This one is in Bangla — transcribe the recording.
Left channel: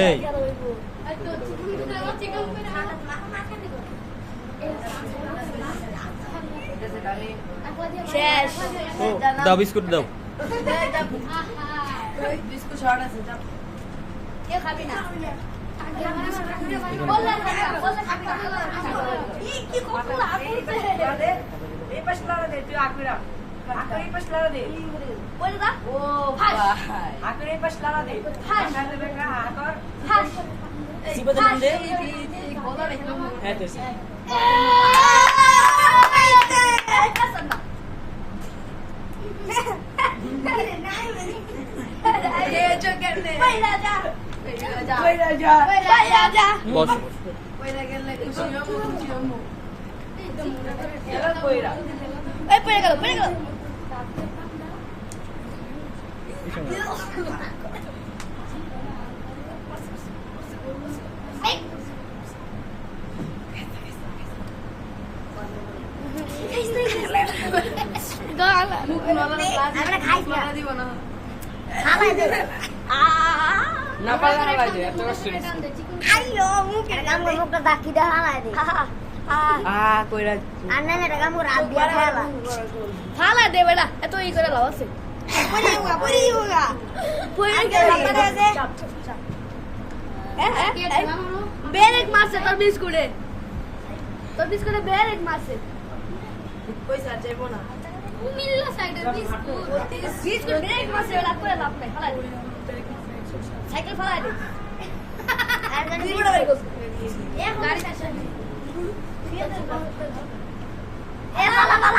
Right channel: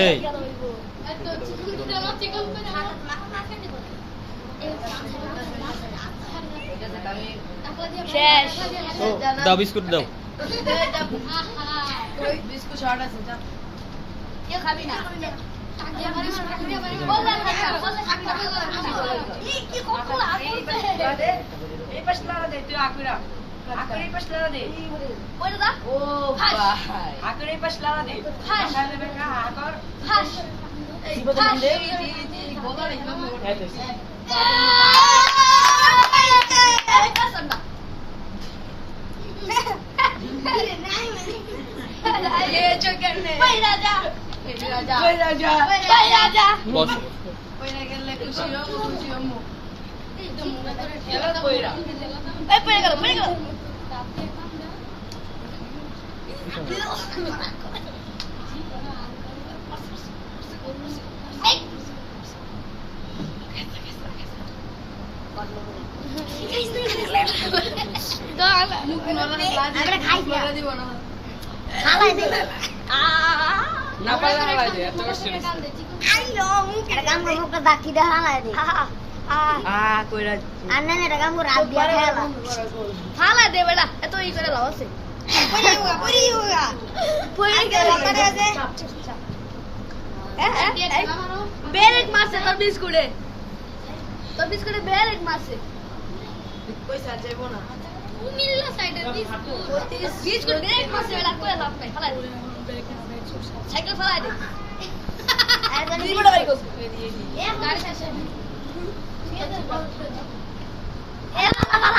এই শেষ দাও বিস্কুট দাও বিস্কুট শর্ট আছে যা কেউ খাবি না এই পাশ লাড়া দে তুই আকুরা আকুরা এই পাশ লাড়া দে বলে দা ও ভাই আকুরা এই পাশ লাড়া দে ভাষা দেবে না আকর সিবতে দে গোদা রে হ্যাঁ দেছে এই কাসম না ये जो करने ওই রাজা ওই রাজা ওই রাজা বস ওই রাজা খুশি হমু একদম খেলা কইরা এই পড়ে গেল না পারলে হালাই দে এত কষ্ট আইলো মুখের কাম করে মুখটা দাকি দে হালাই দে কইরা আন্না না টাকা মুর রাত দিয়া খালা খালা দে বেটা এত ই করে লাভ আছে পড়ি হোগা আগে লাপারে আছে বেরেক মারছে তোর বিস্কুটে বেরেক মারছে পয়সা যাইবো না কুমিল্লা সাইডে বিস্কুট বেরেক মারছে বেটা করে লাভ নাই খালা সাইকেল ফলাই দে তুই বড় ভাই কোস গাড়ি আসে এই লা লা লা